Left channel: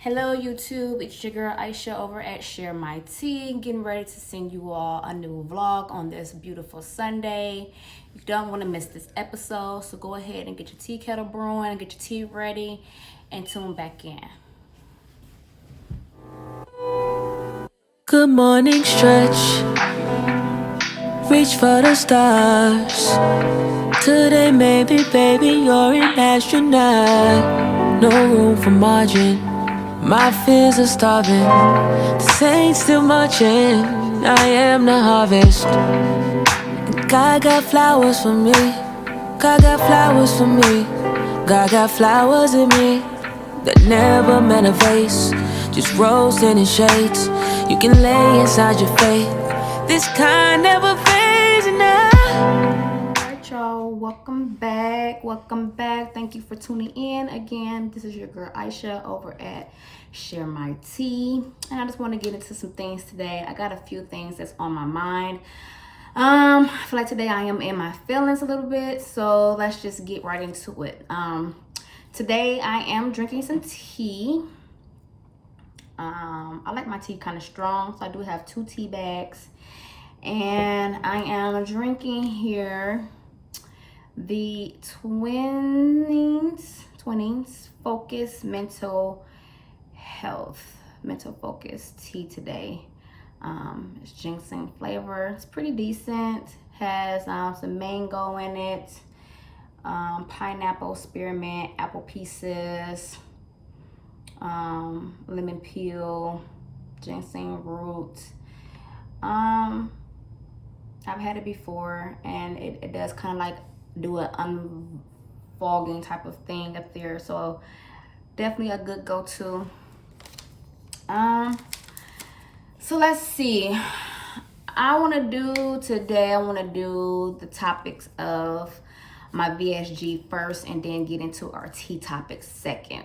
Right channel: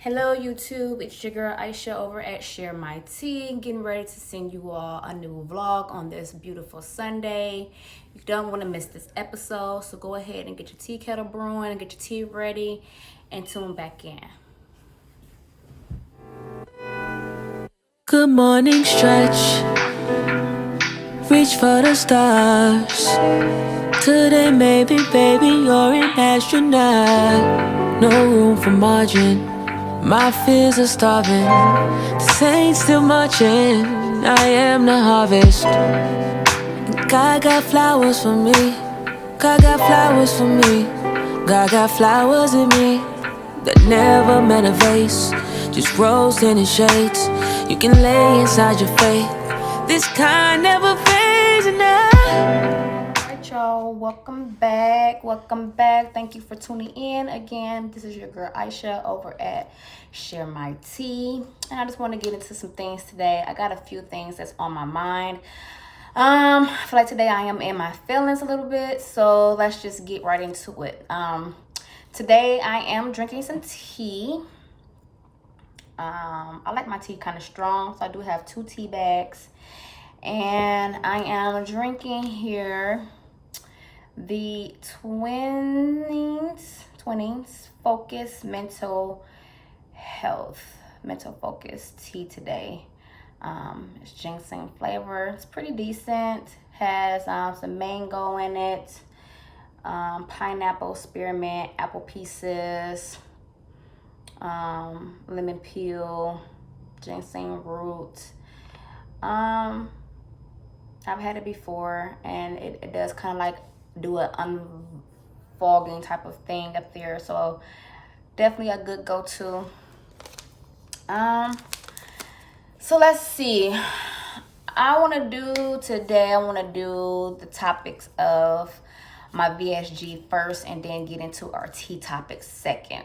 Hello YouTube, it's your girl Aisha over at Share My Tea, getting ready to send you all a new vlog on this beautiful Sunday. You don't want to miss this episode, so go ahead and get your tea kettle brewing, get your tea ready, and tune back in. Good morning stretch, reach for the stars. Today maybe baby you're an astronaut. No room for margin, my fears are starving. The saints still marching, I am the harvest. God got flowers for me, God got flowers for me. God got flowers in me that never meant a vase, just roasting in shades. You can lay inside your faith, this kind never fades enough. Alright y'all, welcome back. Thank you for tuning in again. This is your girl Aisha over at Share My Tea, and I just want to get into some things today. I got a few things that's on my mind. I feel like today I am in my feelings a little bit, so let's just get right into it. Today I am drinking some tea. I like my tea kind of strong, so I do have 2 tea bags, and I am drinking here the Twinings Focus Mental Focus tea today. It's ginseng flavor. It's pretty decent. Has some mango in it, pineapple, spearmint, apple pieces, lemon peel, ginseng root. I've had it before, and it does kind of like do an unfogging type of thing up there, so definitely a good go-to. So let's see. I want to do the topics of my VSG first, and then get into our tea topics second.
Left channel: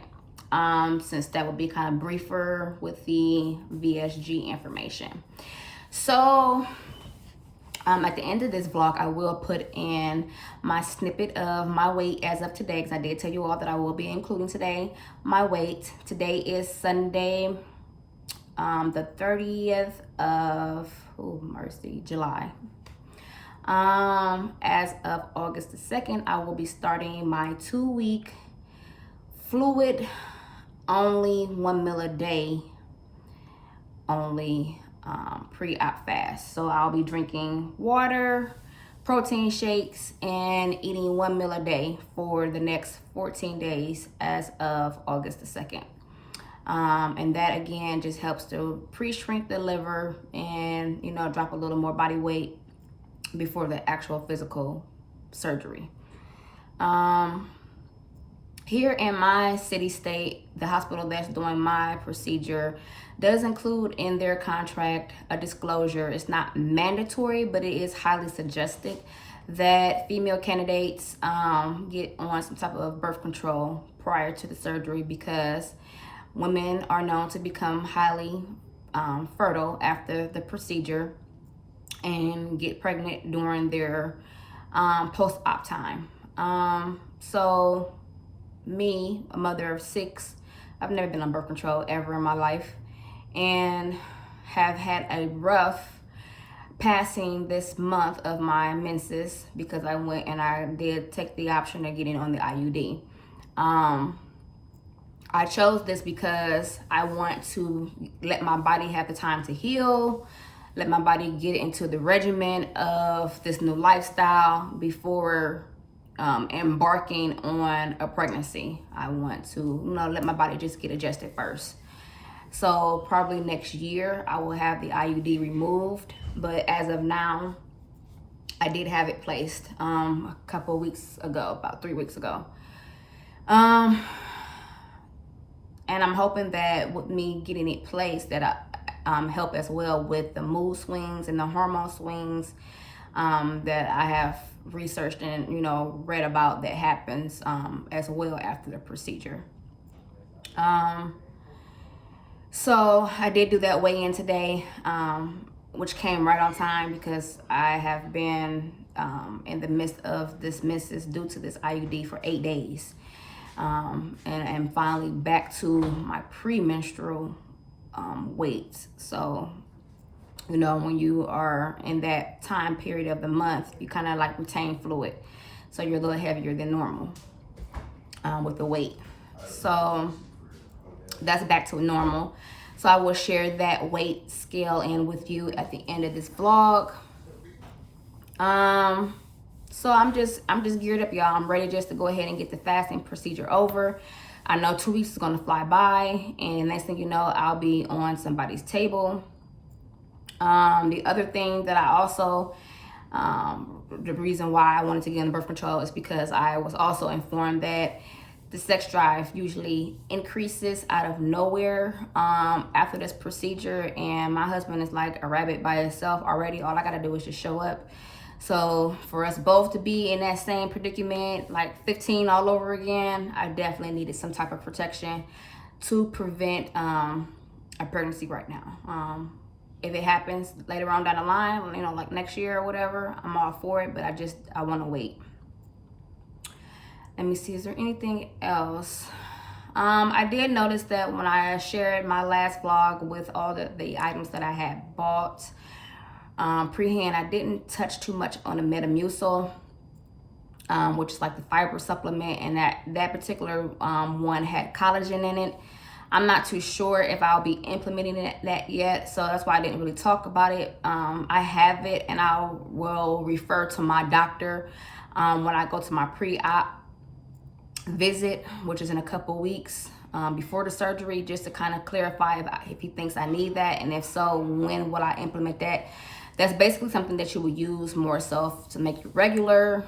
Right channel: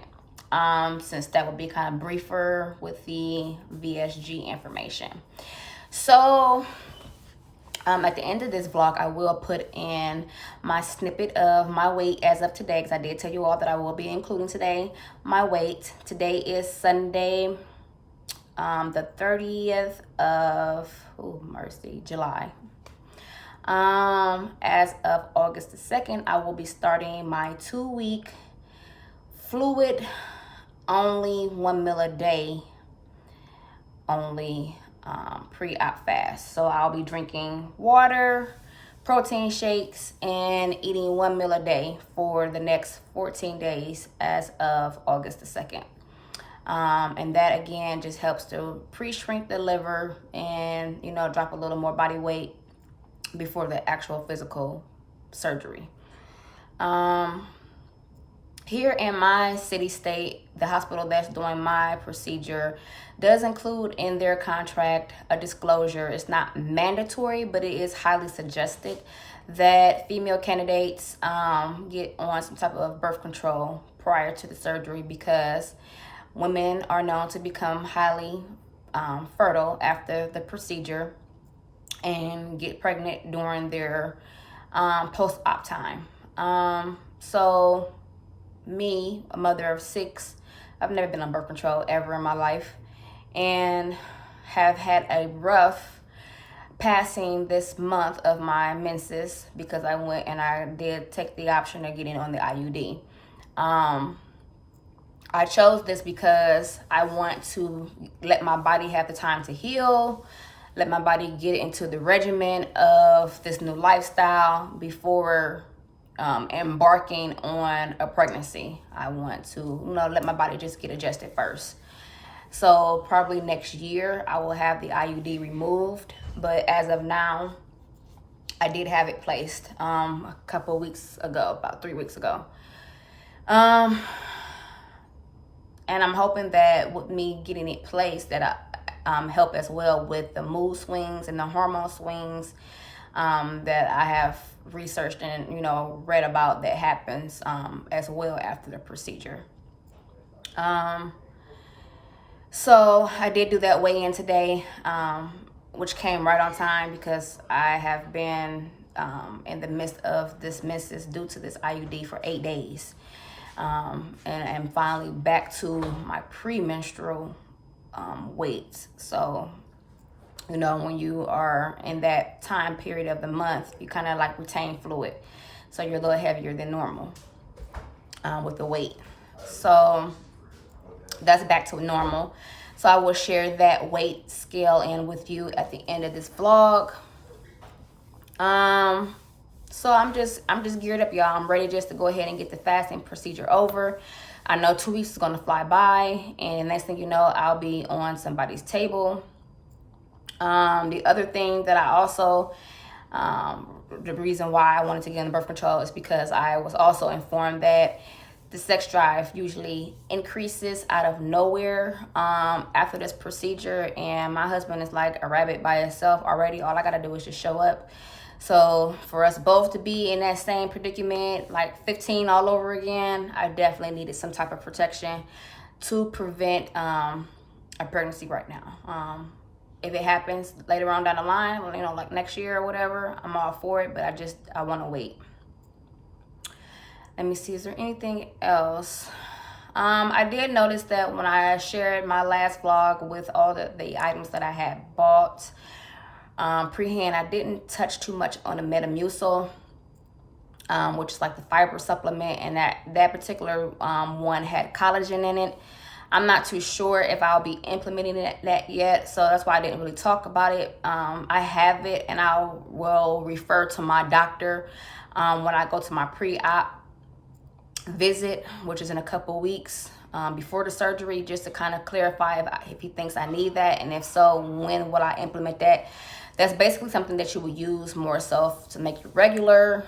Since that would be kind of briefer with the VSG information. So at the end of this vlog, I will put in my snippet of my weight as of today, because I did tell you all that I will be including today my weight. Today is Sunday, the 30th of July. As of August the 2nd, I will be starting my 2-week fluid only 1 meal a day only pre-op fast. So I'll be drinking water, protein shakes, and eating 1 meal a day for the next 14 days as of August the 2nd. And that again just helps to pre-shrink the liver and, drop a little more body weight before the actual physical surgery. Here in my city state, the hospital that's doing my procedure does include in their contract a disclosure. It's not mandatory, but it is highly suggested that female candidates get on some type of birth control prior to the surgery, because women are known to become highly fertile after the procedure and get pregnant during their post-op time. So me, a mother of 6, I've never been on birth control ever in my life, and have had a rough passing this month of my menses, because I went and I did take the option of getting on the IUD. I chose this because I want to let my body have the time to heal, let my body get into the regimen of this new lifestyle before embarking on a pregnancy. I want to, let my body just get adjusted first. So probably next year I will have the IUD removed, but as of now, I did have it placed a couple weeks ago, about 3 weeks ago. And I'm hoping that with me getting it placed, that I help as well with the mood swings and the hormone swings that I have researched and read about that happens as well after the procedure. So I did do that weigh-in today, which came right on time, because I have been in the midst of this menses due to this IUD for 8 days. and finally back to my premenstrual weights. So, you know, when you are in that time period of the month, you kind of like retain fluid. So you're a little heavier than normal with the weight. So that's back to normal. So I will share that weight scale in with you at the end of this vlog. So I'm just geared up, y'all. I'm ready just to go ahead and get the fasting procedure over. I know 2 weeks is gonna fly by, and next thing you know, I'll be on somebody's table. The other thing that I also, the reason why I wanted to get on birth control is because I was also informed that the sex drive usually increases out of nowhere after this procedure, and my husband is like a rabbit by himself already. All I gotta do is just show up. So for us both to be in that same predicament, like 15 all over again, I definitely needed some type of protection to prevent a pregnancy right now. If it happens later on down the line, you know, like next year or whatever, I'm all for it, but I want to wait. Let me see, is there anything else? I did notice that when I shared my last vlog with all the items that I had bought, pre-hand, I didn't touch too much on the Metamucil, which is like the fiber supplement, and that particular one had collagen in it. I'm not too sure if I'll be implementing that yet, so that's why I didn't really talk about it. I have it, and I will refer to my doctor when I go to my pre-op visit, which is in a couple weeks before the surgery, just to kind of clarify if he thinks I need that, and if so, when will I implement that. That's basically something that you will use more so to make you regular.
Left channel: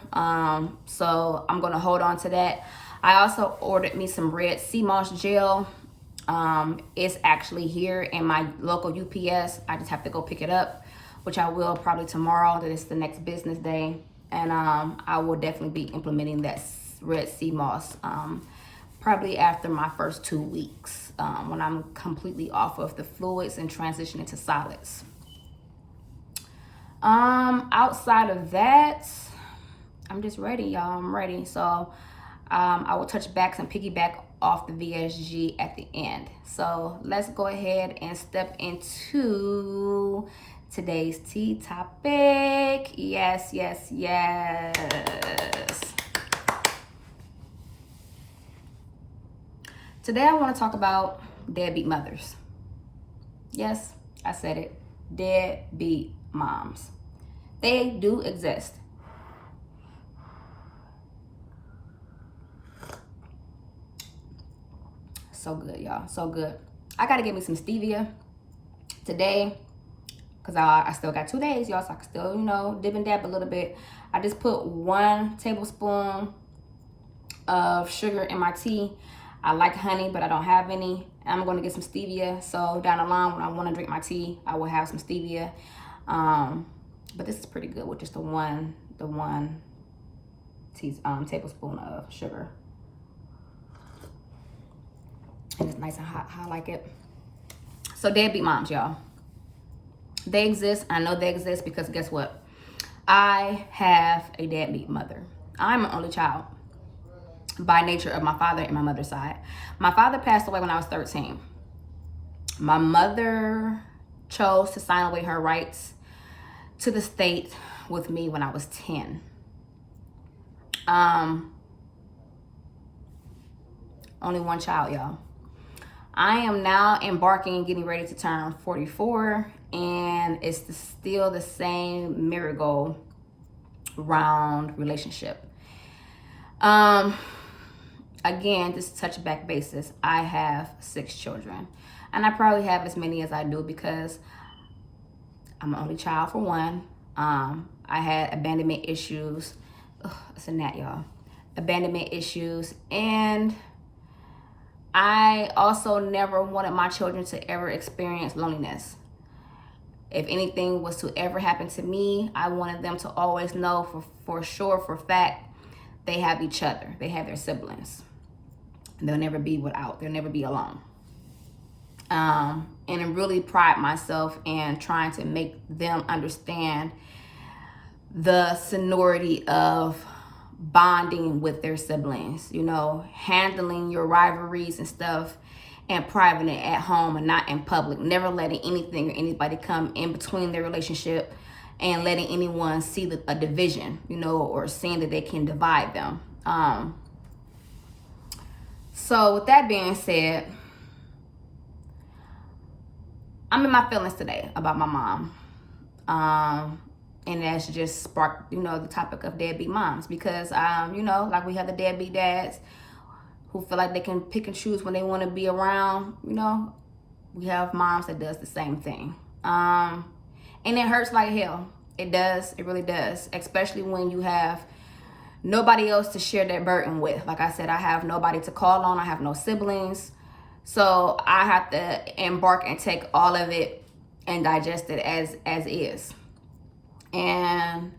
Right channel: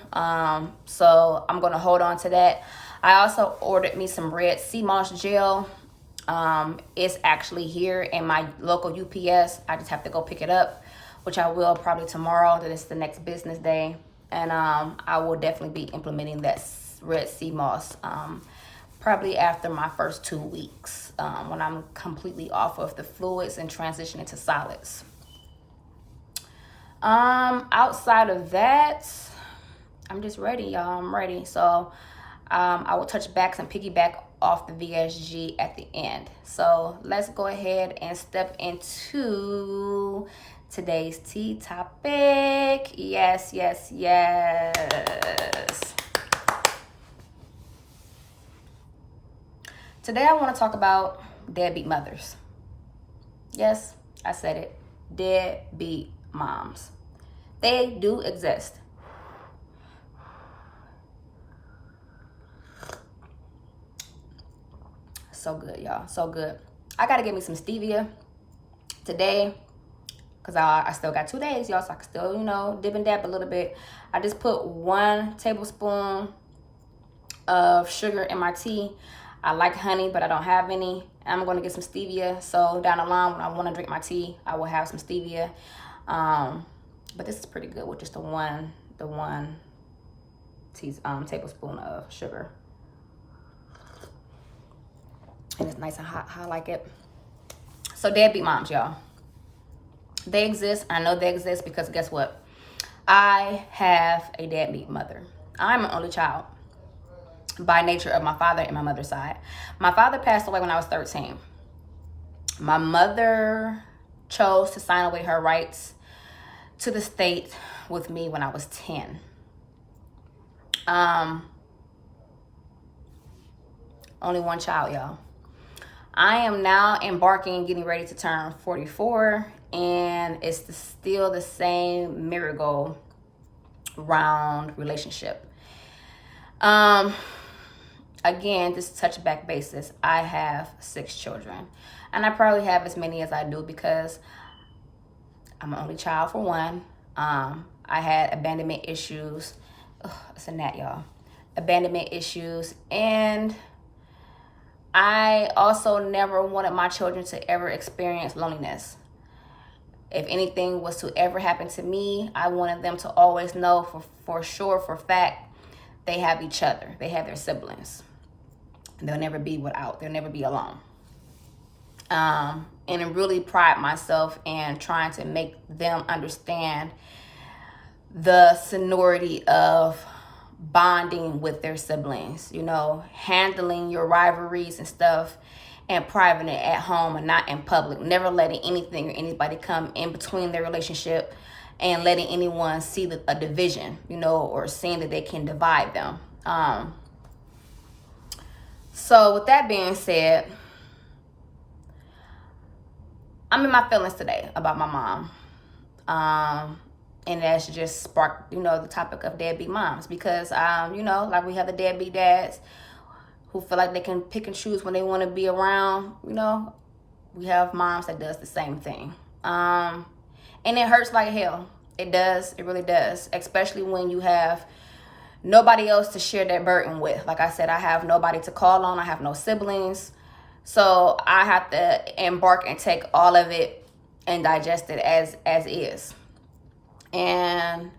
So I'm going to hold on to that. I also ordered me some red sea moss gel. It's actually here in my local UPS. I just have to go pick it up, which I will probably tomorrow. That is the next business day. And I will definitely be implementing that red sea moss probably after my first 2 weeks when I'm completely off of the fluids and transitioning to solids. Outside of that, I'm just ready, y'all. I'm ready. So I will touch backs and piggyback off the VSG at the end. So let's go ahead and step into today's tea topic. Yes. Today I want to talk about deadbeat mothers. Yes, I said it. Deadbeat moms. They do exist. So good, y'all. So good. I gotta get me some stevia today because I still got 2 days, y'all, so I can still, you know, dip and dab a little bit. I just put 1 tablespoon of sugar in my tea. I like honey, but I don't have any. I'm going to get some stevia, so down the line when I want to drink my tea, I will have some stevia. But this is pretty good with just the one tablespoon of sugar. And it's nice and hot, how I like it. So deadbeat moms, y'all. They exist. I know they exist because guess what? I have a deadbeat mother. I'm an only child by nature of my father and my mother's side. My father passed away when I was 13. My mother chose to sign away her rights to the state with me when I was 10. Only one child, y'all. I am now embarking and getting ready to turn 44, and it's still the same merry-go-round relationship. Again, just touch back basis. I have 6 children, and I probably have as many as I do because I'm an only child for one. I had abandonment issues. It's a gnat, y'all. Abandonment issues, and I also never wanted my children to ever experience loneliness. If anything was to ever happen to me, I wanted them to always know for sure, for fact, they have each other. They have their siblings. And they'll never be without. They'll never be alone. And I really pride myself in trying to make them understand the sonority of bonding with their siblings, handling your rivalries and stuff and private at home and not in public, never letting anything or anybody come in between their relationship and letting anyone see a division, or seeing that they can divide them. So with that being said, I'm in my feelings today about my mom. And that's just sparked, the topic of deadbeat moms, because, like we have the deadbeat dads who feel like they can pick and choose when they want to be around, we have moms that does the same thing. And it hurts like hell. It does. It really does. Especially when you have nobody else to share that burden with. Like I said, I have nobody to call on. I have no siblings. So I have to embark and take all of it and digest it as is. And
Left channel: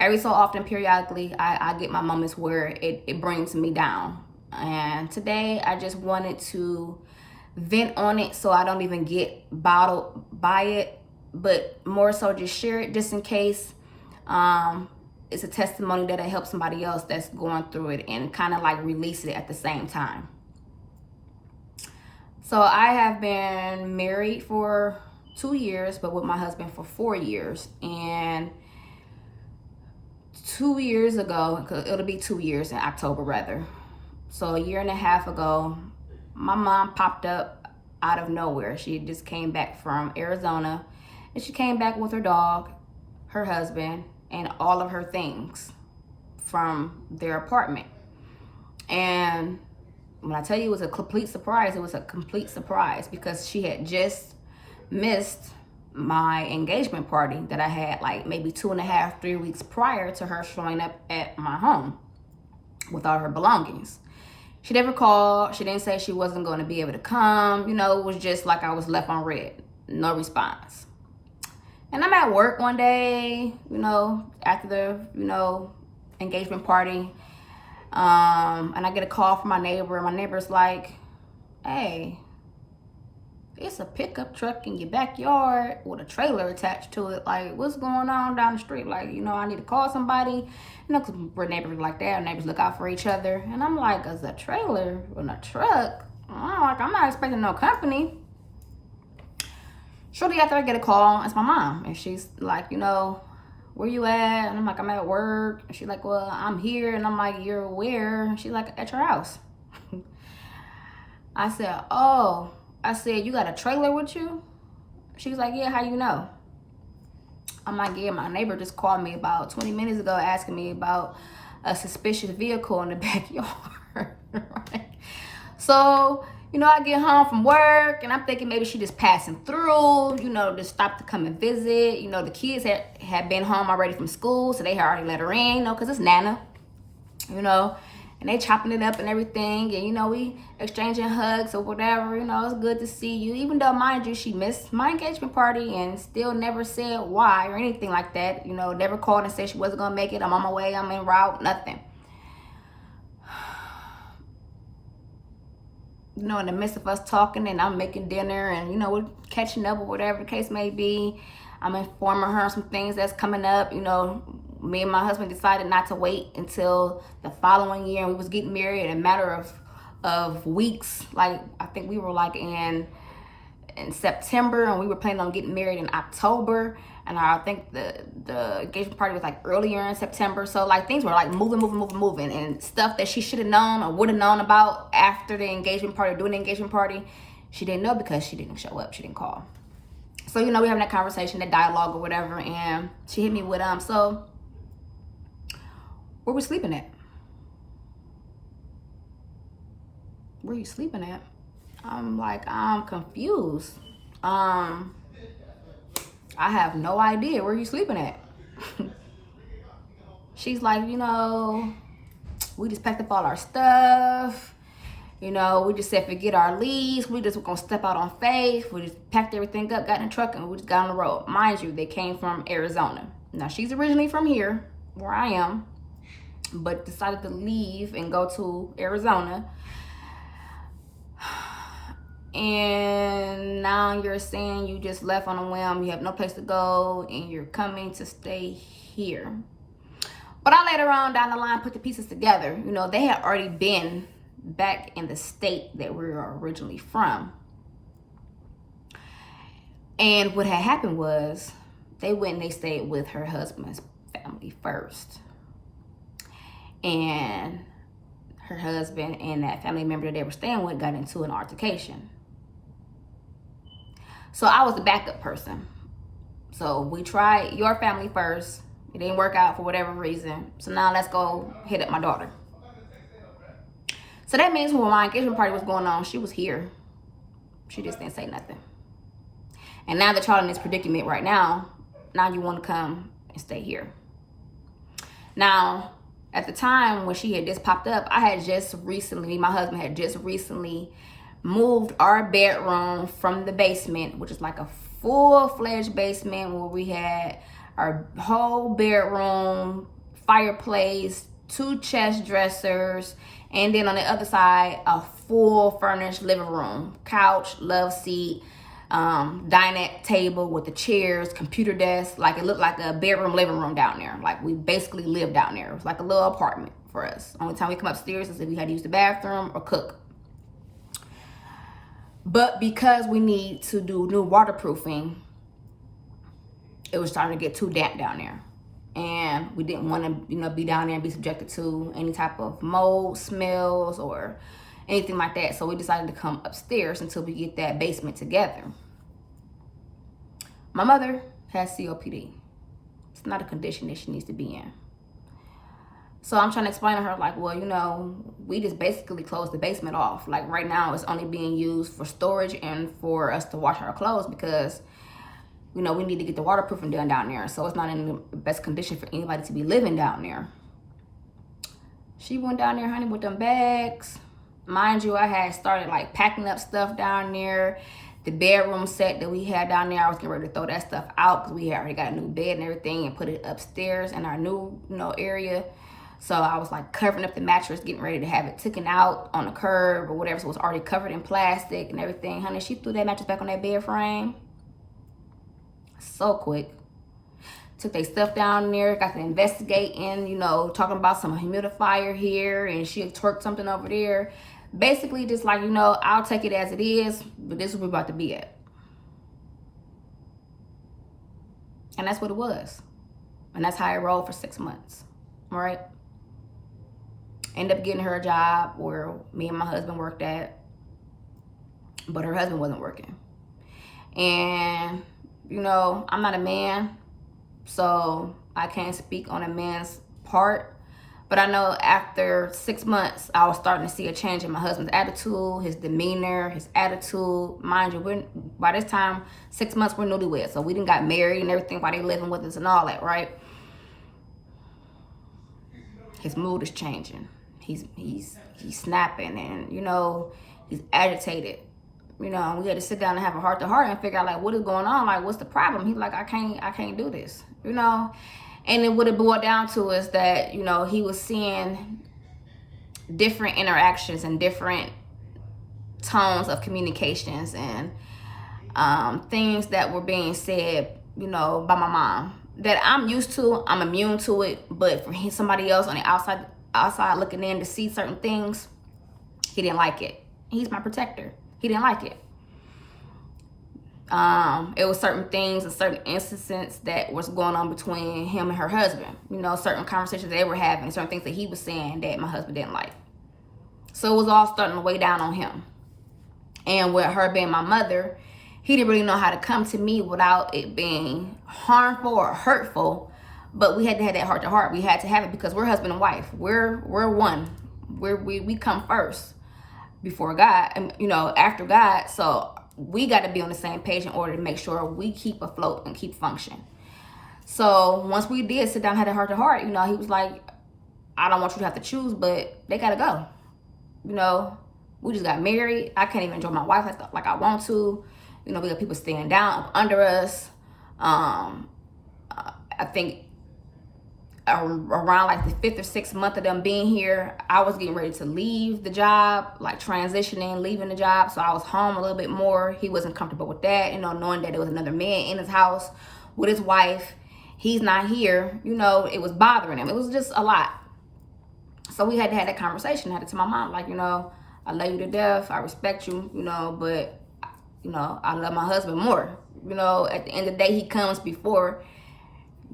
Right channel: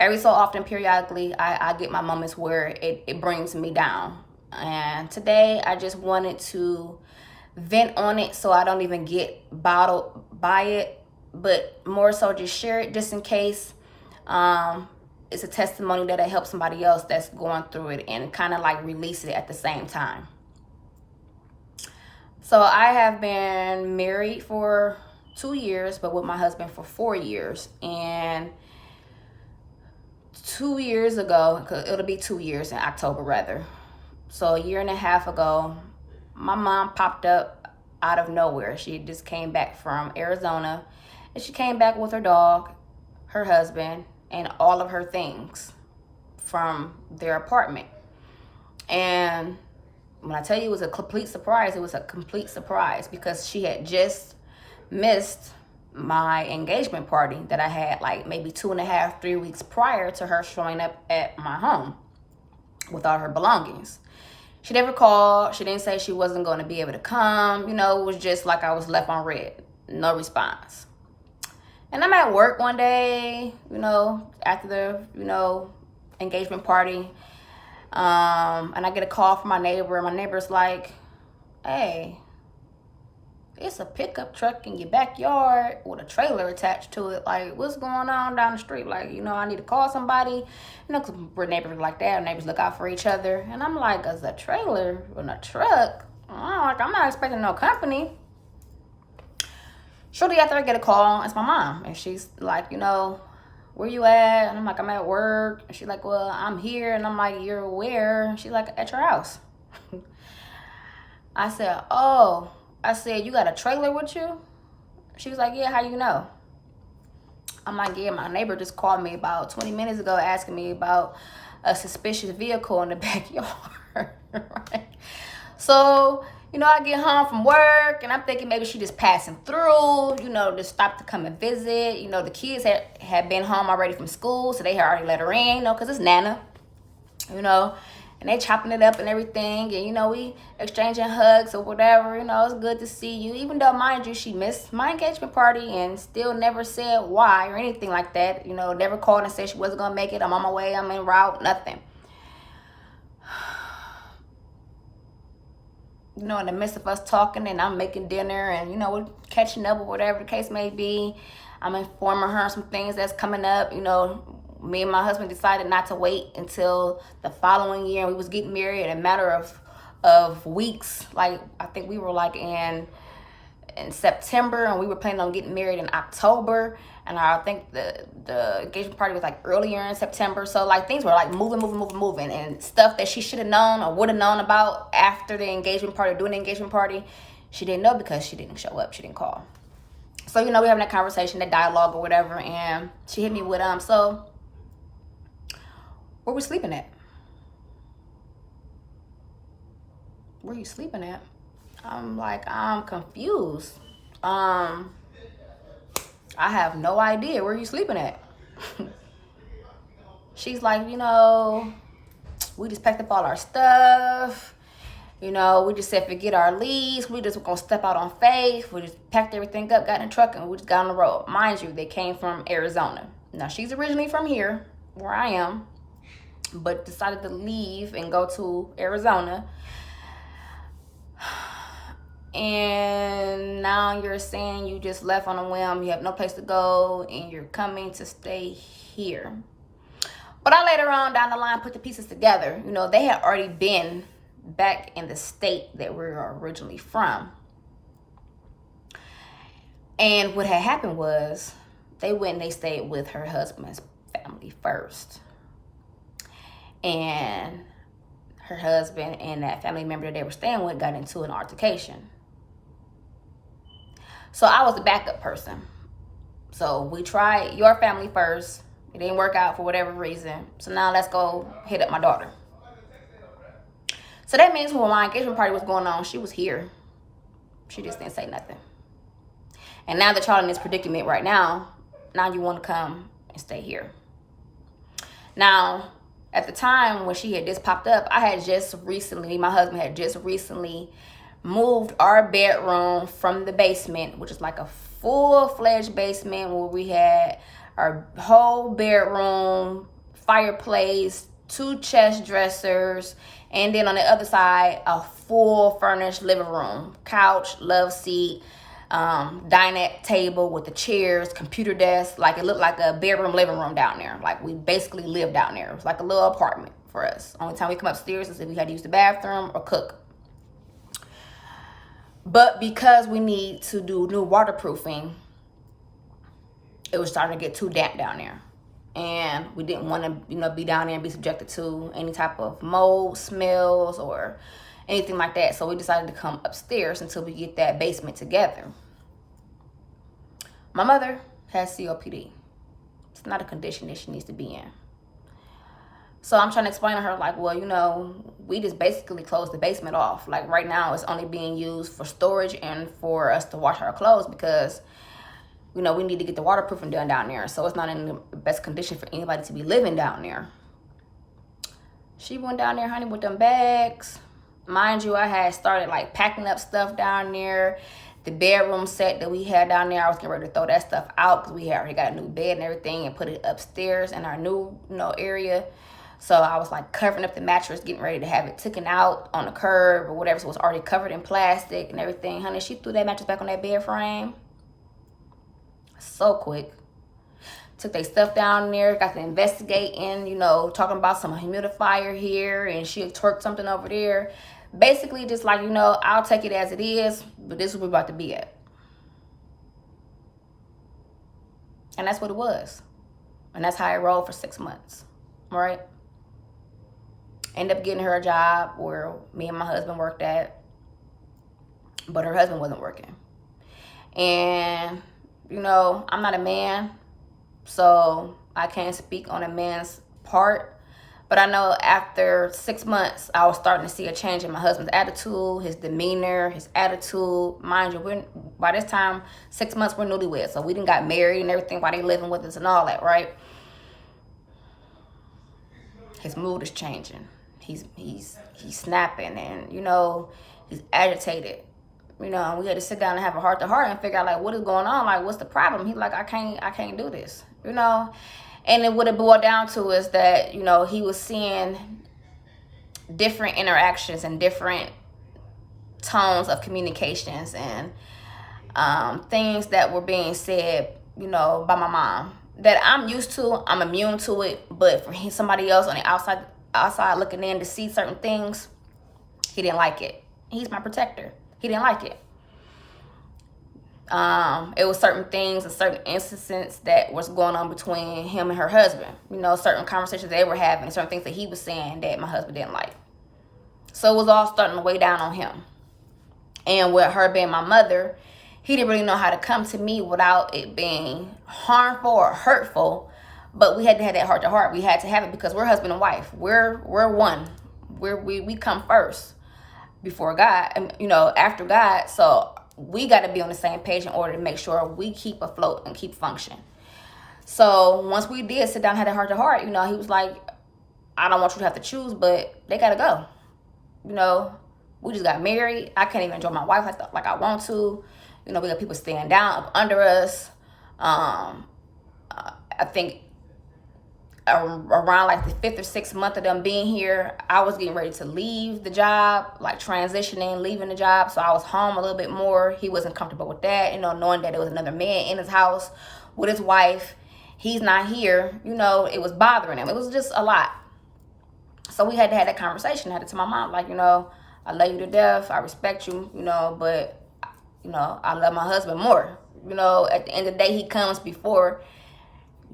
every so often, periodically, I get my moments where it brings me down. And today I just wanted to vent on it so I don't even get bottled by it, but more so just share it just in case it's a testimony that I help somebody else that's going through it, and kind of like release it at the same time. So I have been married for 2 years, but with my husband for 4 years. And 2 years ago, it'll be 2 years in October rather. So a year and a half ago, my mom popped up out of nowhere. She just came back from Arizona, and she came back with her dog, her husband, and all of her things from their apartment. And when I tell you it was a complete surprise, it was a complete surprise, because she had just missed my engagement party that I had like maybe 2.5, 3 weeks prior to her showing up at my home with all her belongings. She never called. She didn't say she wasn't going to be able to come. It was just like I was left on red. No response. And I'm at work one day, after the, engagement party. And I get a call from my neighbor, and my neighbor's like, hey, it's a pickup truck in your backyard with a trailer attached to it. Like, what's going on down the street? Like, I need to call somebody. Because we're neighbors like that. Neighbors look out for each other. And I'm like, as a trailer and a truck? I'm not expecting no company. Shortly after, I get a call. It's my mom. And she's like, where you at? And I'm like, I'm at work. And she's like, well, I'm here. And I'm like, you're where? And she's like, at your house. I said, oh. I said, you got a trailer with you? She was like, yeah, how you know? I'm like, yeah, my neighbor just called me about 20 minutes ago asking me about a suspicious vehicle in the backyard. Right? So, I get home from work, and I'm thinking maybe she just passing through, just stopped to come and visit. The kids had been home already from school, so they had already let her in, because it's Nana, and they chopping it up and everything, and we exchanging hugs or whatever. It's good to see you, even though, mind you, she missed my engagement party and still never said why or anything like that. Never called and said she wasn't gonna make it. I'm on my way, I'm en route, nothing. In the midst of us talking, and I'm making dinner, and we're catching up or whatever the case may be, I'm informing her some things that's coming up. Me and my husband decided not to wait until the following year, and we was getting married in a matter of weeks. Like, I think we were like in September, and we were planning on getting married in October, and I think the engagement party was like earlier in September. So like things were like moving, and stuff that she should have known or would have known about after the engagement party, during the engagement party, she didn't know because she didn't show up, she didn't call. So we're having that conversation, that dialogue or whatever, and she hit me with so where we sleeping at? Where you sleeping at? I'm like, I'm confused. I have no idea. Where you sleeping at? She's like, we just packed up all our stuff. We just said forget our leaves. We just were gonna step out on faith. We just packed everything up, got in the truck, and we just got on the road. Mind you, they came from Arizona. Now, she's originally from here, where I am, but decided to leave and go to Arizona. And now you're saying you just left on a whim, you have no place to go, and you're coming to stay here. But I later on down the line put the pieces together. You know, they had already been back in the state that we were originally from. And what had happened was they went and they stayed with her husband's family first. And her husband and that family member that they were staying with got into an altercation. So I was the backup person. So we tried your family first. It didn't work out for whatever reason. So now let's go hit up my daughter. So that means when my engagement party was going on, she was here. She just didn't say nothing. And now that y'all in this predicament right now, now you want to come and stay here. Now, at the time when she had just popped up, my husband had just recently moved our bedroom from the basement, which is like a full-fledged basement where we had our whole bedroom, fireplace, 2 chest dressers, and then on the other side, a full furnished living room, couch, love seat, dinette table with the chairs, computer desk. Like, it looked like a bedroom living room down there. Like, we basically lived down there. It was like a little apartment for us. Only time we come upstairs is if we had to use the bathroom or cook. But because we need to do new waterproofing, it was starting to get too damp down there. And we didn't want to, be down there and be subjected to any type of mold, smells, or anything like that. So we decided to come upstairs until we get that basement together. My mother has COPD. It's not a condition that she needs to be in. So I'm trying to explain to her, like, well, we just basically closed the basement off. Like, right now it's only being used for storage and for us to wash our clothes because, we need to get the waterproofing done down there. So it's not in the best condition for anybody to be living down there. She went down there, honey, with them bags. Mind you, I had started like packing up stuff down there. The bedroom set that we had down there, I was getting ready to throw that stuff out because we had already got a new bed and everything and put it upstairs in our new, area. So I was like covering up the mattress, getting ready to have it taken out on the curb or whatever. So it was already covered in plastic and everything. Honey, she threw that mattress back on that bed frame so quick. Took their stuff down there, got to investigating, talking about some humidifier here, and she had twerked something over there. Basically just like, I'll take it as it is, but this is where we're about to be at. And that's what it was. And that's how I rolled for 6 months. All right. Ended up getting her a job where me and my husband worked at, but her husband wasn't working. And, I'm not a man, so I can't speak on a man's part. But I know after 6 months, I was starting to see a change in my husband's attitude, his demeanor, his attitude. Mind you, by this time, 6 months, we're newlyweds. So we done got married and everything while they living with us and all that, right? His mood is changing. He's snapping and, he's agitated. We had to sit down and have a heart-to-heart and figure out, like, what is going on? Like, what's the problem? He's like, I can't do this, And then what it boiled down to is that, he was seeing different interactions and different tones of communications and things that were being said, by my mom that I'm used to. I'm immune to it. But for somebody else on the outside looking in to see certain things, he didn't like it. He's my protector. He didn't like it. It was certain things and certain instances that was going on between him and her husband. Certain conversations they were having, certain things that he was saying that my husband didn't like. So it was all starting to weigh down on him. And with her being my mother, he didn't really know how to come to me without it being harmful or hurtful. But we had to have that heart to heart. We had to have it because we're husband and wife. We're one. We come first before God, and after God. So we got to be on the same page in order to make sure we keep afloat and keep functioning. So once we did sit down and had a heart to heart, he was like, I don't want you to have to choose, but they got to go. We just got married. I can't even enjoy my wife like I want to. We got people staying down up under us. I think around like the 5th or 6th month of them being here, I was getting ready to leave the job, like transitioning, leaving the job. So I was home a little bit more. He wasn't comfortable with that, knowing that there was another man in his house with his wife. he's not here, it was bothering him. It was just a lot. So we had to have that conversation. I had to tell my mom, like, I love you to death. I respect you, but, I love my husband more. At the end of the day, he comes before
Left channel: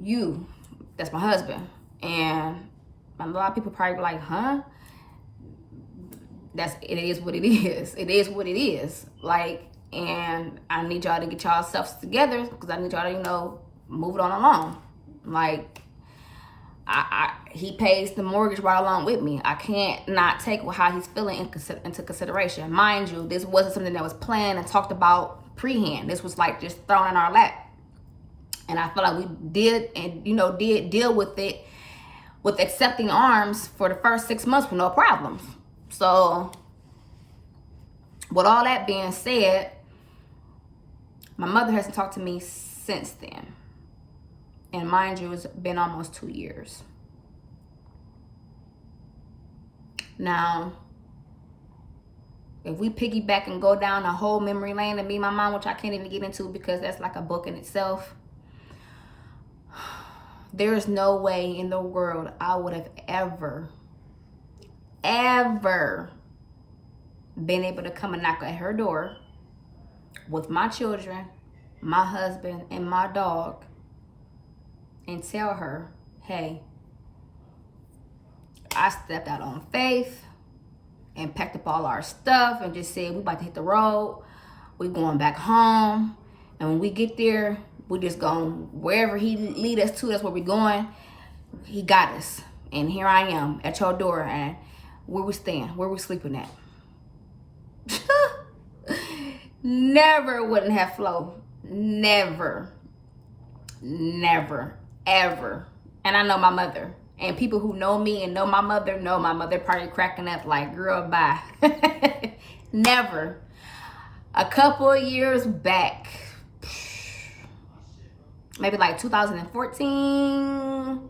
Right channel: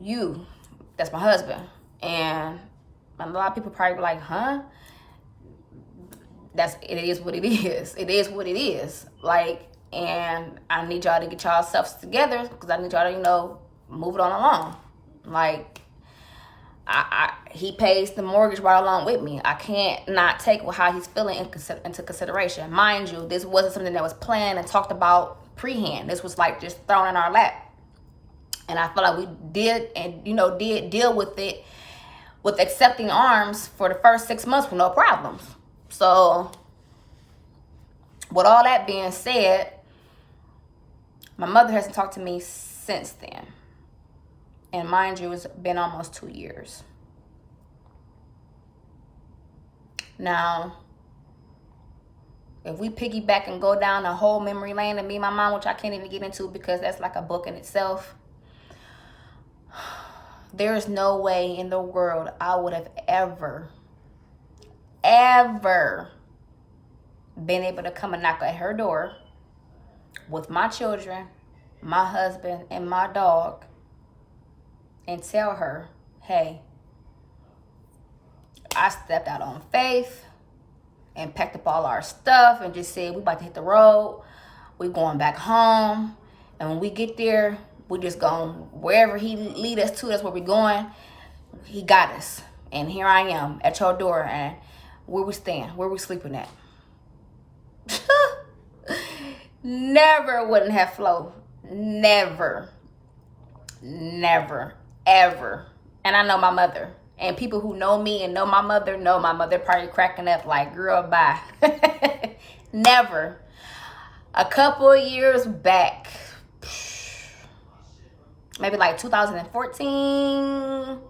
you. That's my husband. And a lot of people probably be like, huh? It is what it is. It is what it is. Like, and I need y'all to get y'all selves together because I need y'all to, move it on along. Like, he pays the mortgage right along with me. I can't not take how he's feeling into consideration. Mind you, this wasn't something that was planned and talked about pre-hand. This was like just thrown in our lap. And I feel like we did deal with it with accepting arms for the first 6 months with no problems. So with all that being said, my mother hasn't talked to me since then. And mind you, it's been almost 2 years. Now, if we piggyback and go down the whole memory lane of me and my mom, which I can't even get into because that's like a book in itself, there is no way in the world I would have ever been able to come and knock at her door with my children, my husband, and my dog and tell her, hey, I stepped out on faith and packed up all our stuff and just said, we about to hit the road. We going back home. And when we get there, we just going wherever he lead us to, that's where we going. He got us. And here I am at your door, and where we staying, where we sleeping at. Never wouldn't have flowed. Never, ever. And I know my mother. And people who know me and know my mother probably cracking up like, girl, bye. Never. A couple of years back, maybe like 2014,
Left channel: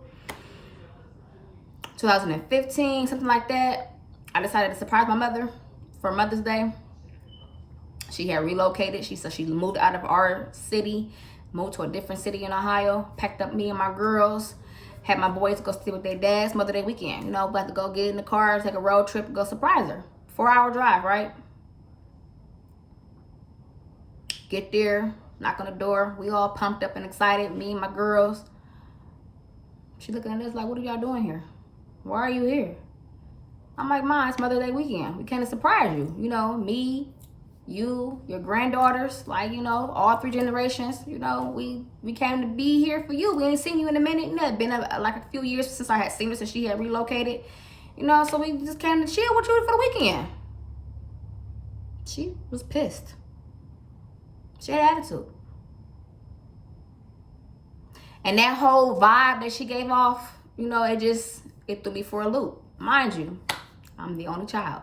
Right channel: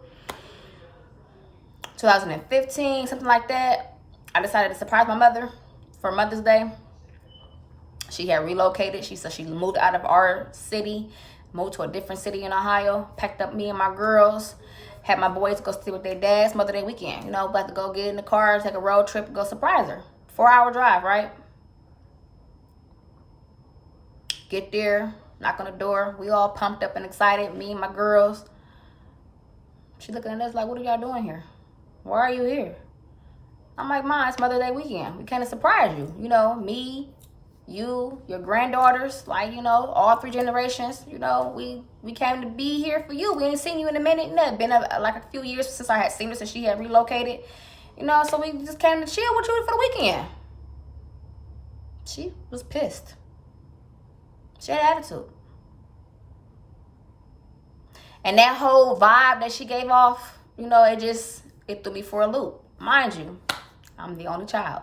2015, something like that, I decided to surprise my mother for Mother's Day. She had relocated. She said she moved out of our city, moved to a different city in Ohio, packed up me and my girls, had my boys go stay with their dads Mother's Day weekend. About to go get in the car, take a road trip, go surprise her. 4-hour drive, right? Get there, knock on the door. We all pumped up and excited, me and my girls. She looking at us like, what are y'all doing here? Why are you here? I'm like, Mom, it's Mother's Day weekend. We came to surprise you. Me, you, your granddaughters, like, all 3 generations, we came to be here for you. We ain't seen you in a minute. It's been like a few years since I had seen her, since she had relocated. So we just came to chill with you for the weekend. She was pissed. She had attitude. And that whole vibe that she gave off, it threw me for a loop. Mind you, I'm the only child.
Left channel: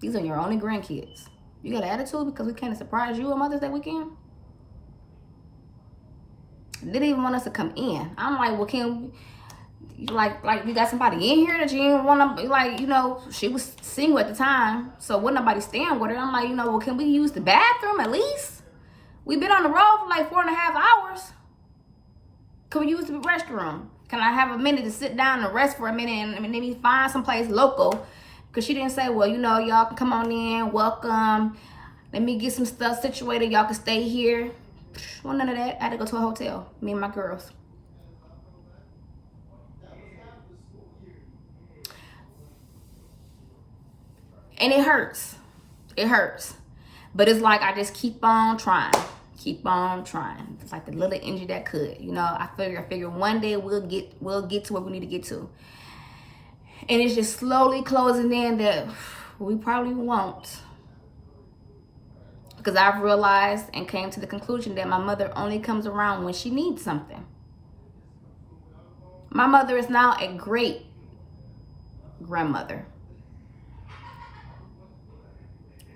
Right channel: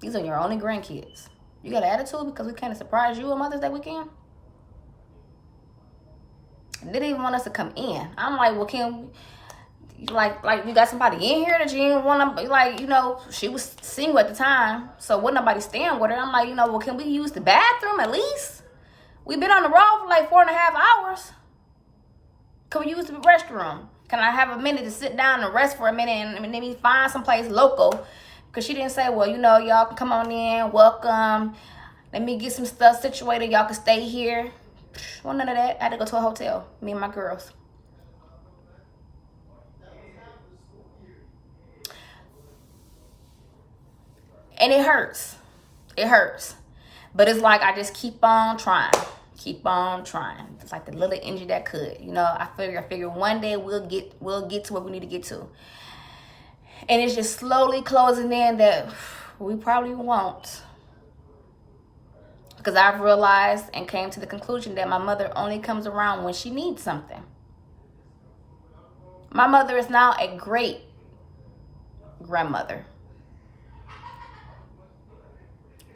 These are your only grandkids. You got an attitude because we came to surprise you on Mother's Day weekend? They didn't even want us to come in. I'm like, well, can you, like you got somebody in here that you didn't want to, she was single at the time, so wasn't nobody staying with her. I'm like, well, can we use the bathroom at least? We've been on the road for like 4.5 hours. Can we use the restroom? Can I have a minute to sit down and rest for a minute and maybe find someplace local? Because she didn't say, well, y'all can come on in, welcome. Let me get some stuff situated. Y'all can stay here. Well, none of that. I had to go to a hotel, me and my girls. And it hurts. It hurts. But it's like I just keep on trying. Keep on trying. It's like the little engine that could. I figure one day we'll get to where we need to get to. And it's just slowly closing in that we probably won't. Because I've realized and came to the conclusion that my mother only comes around when she needs something. My mother is now a great grandmother.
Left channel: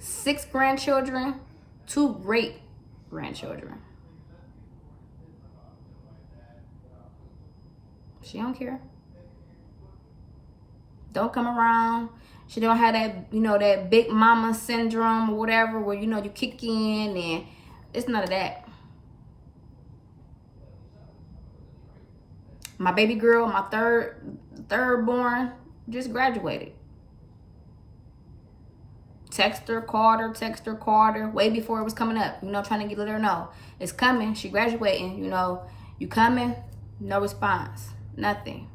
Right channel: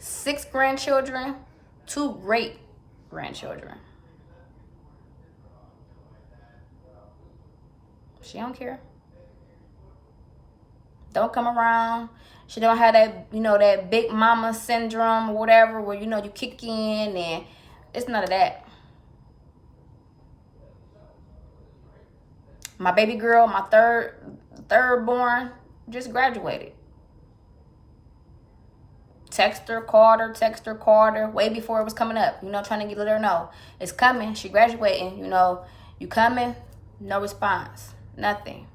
6 grandchildren, 2 great grandchildren. She don't care. Don't come around. She don't have that, that big mama syndrome or whatever where, you kick in, and it's none of that. My baby girl, my third born, just graduated. Text her, called her, way before it was coming up, trying to let her know it's coming. She graduating, you coming? No response, nothing.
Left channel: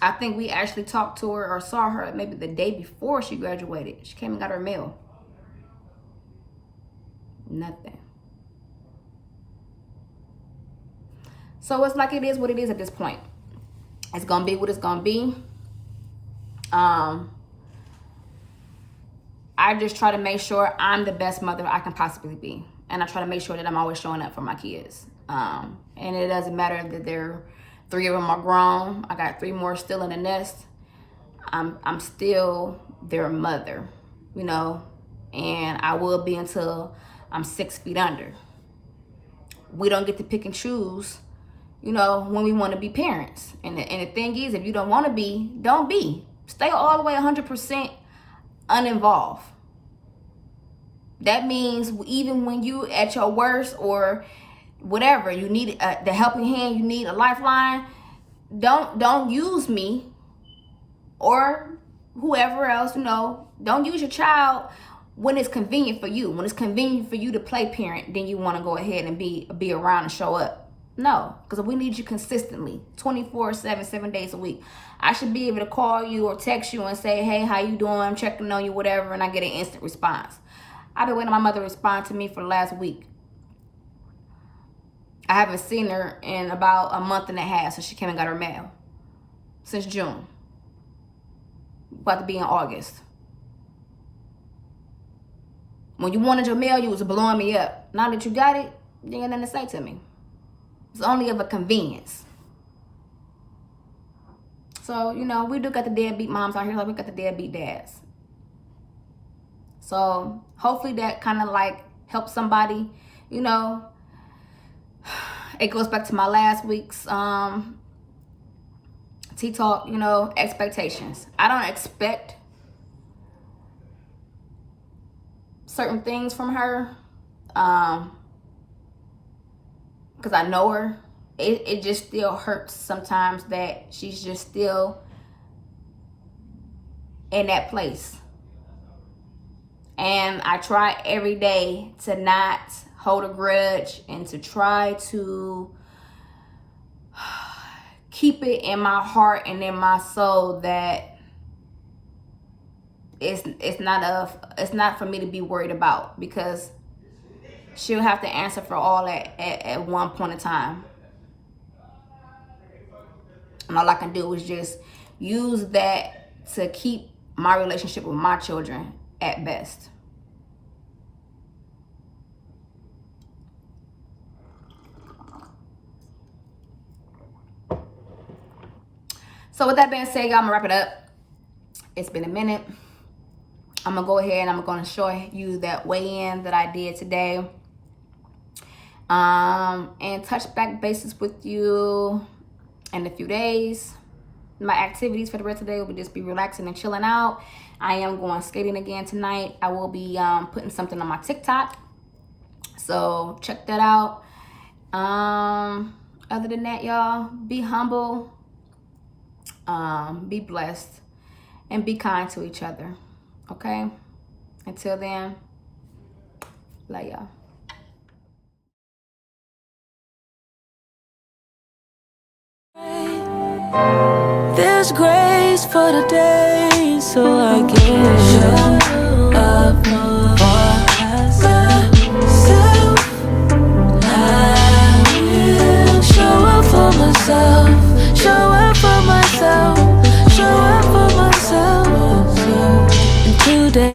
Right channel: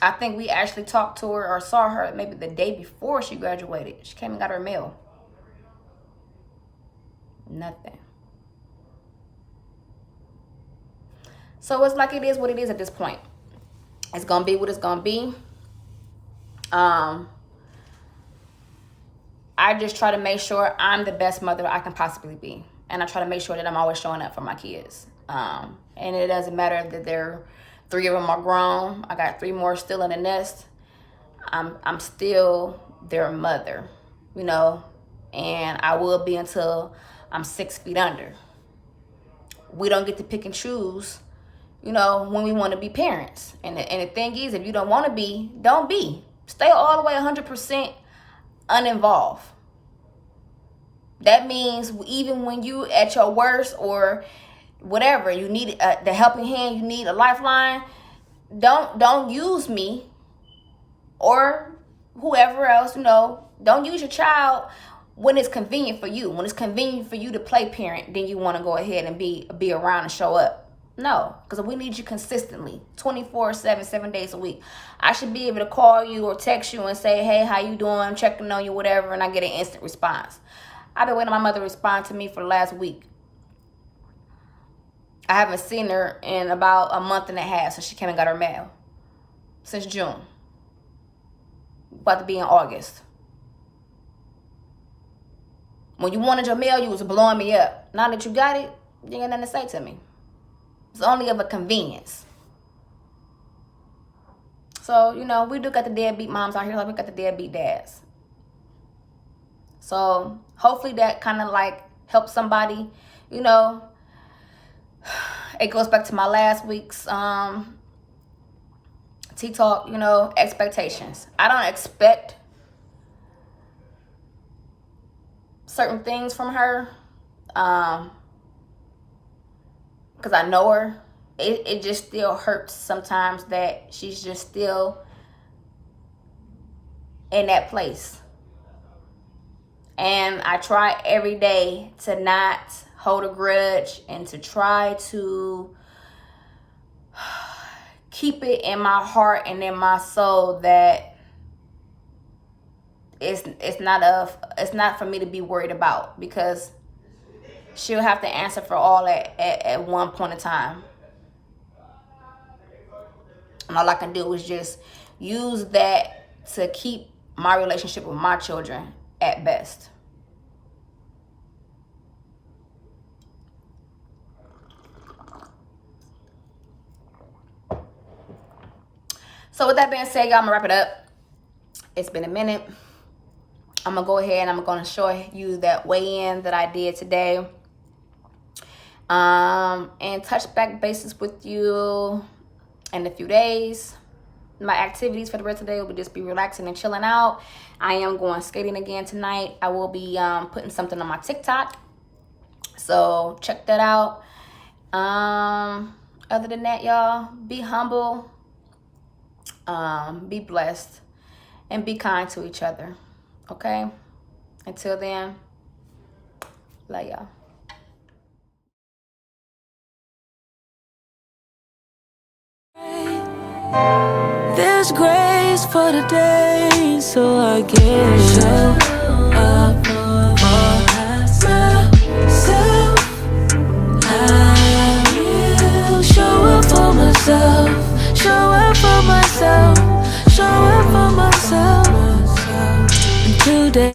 I think we actually talked to her or saw her maybe the day before she graduated. She came and got her mail. Nothing. So it's like it is what it is at this point. It's gonna be what it's gonna be. I just try to make sure I'm the best mother I can possibly be. And I try to make sure that I'm always showing up for my kids. And it doesn't matter that 3 of them are grown. I got 3 more still in the nest. I'm still their mother, and I will be until I'm 6 feet under. We don't get to pick and choose, when we want to be parents. And the thing is, if you don't want to be, don't be. Stay all the way 100% uninvolved. That means even when you at your worst or whatever, you need the helping hand, you need a lifeline, don't use me or whoever else, don't use your child when it's convenient for you. When it's convenient for you to play parent, then you want to go ahead and be around and show up. No, because we need you consistently, 24/7, 7 days a week. I should be able to call you or text you and say, hey, how you doing? I'm checking on you, whatever, and I get an instant response. I've been waiting on my mother to respond to me for the last week. I haven't seen her in about a month and a half since she came and got her mail. Since June. About to be in August. When you wanted your mail, you was blowing me up. Now that you got it, you ain't got nothing to say to me. It's only of a convenience. So, we do got the deadbeat moms out here, like we got the deadbeat dads. So, hopefully that kind of like helps somebody, It goes back to my last week's Tea Talk, expectations. I don't expect certain things from her because I know her. It just still hurts sometimes that she's just still in that place. And I try every day to not hold a grudge and to try to keep it in my heart and in my soul that it's not for me to be worried about, because she'll have to answer for all at one point in time. And all I can do is just use that to keep my relationship with my children at best. So with that being said, y'all, I'm gonna wrap it up. It's been a minute. I'm gonna go ahead and I'm gonna show you that weigh-in that I did today. And touch back bases with you in a few days. My activities for the rest of the day will just be relaxing and chilling out. I am going skating again tonight. I will be putting something on my TikTok, so check that out. Other than that, y'all, be humble, be blessed, and be kind to each other. Okay? Until then, love y'all. There's grace for the day, so I can show up for myself. I will show up for myself, show up for myself, show up for myself. And today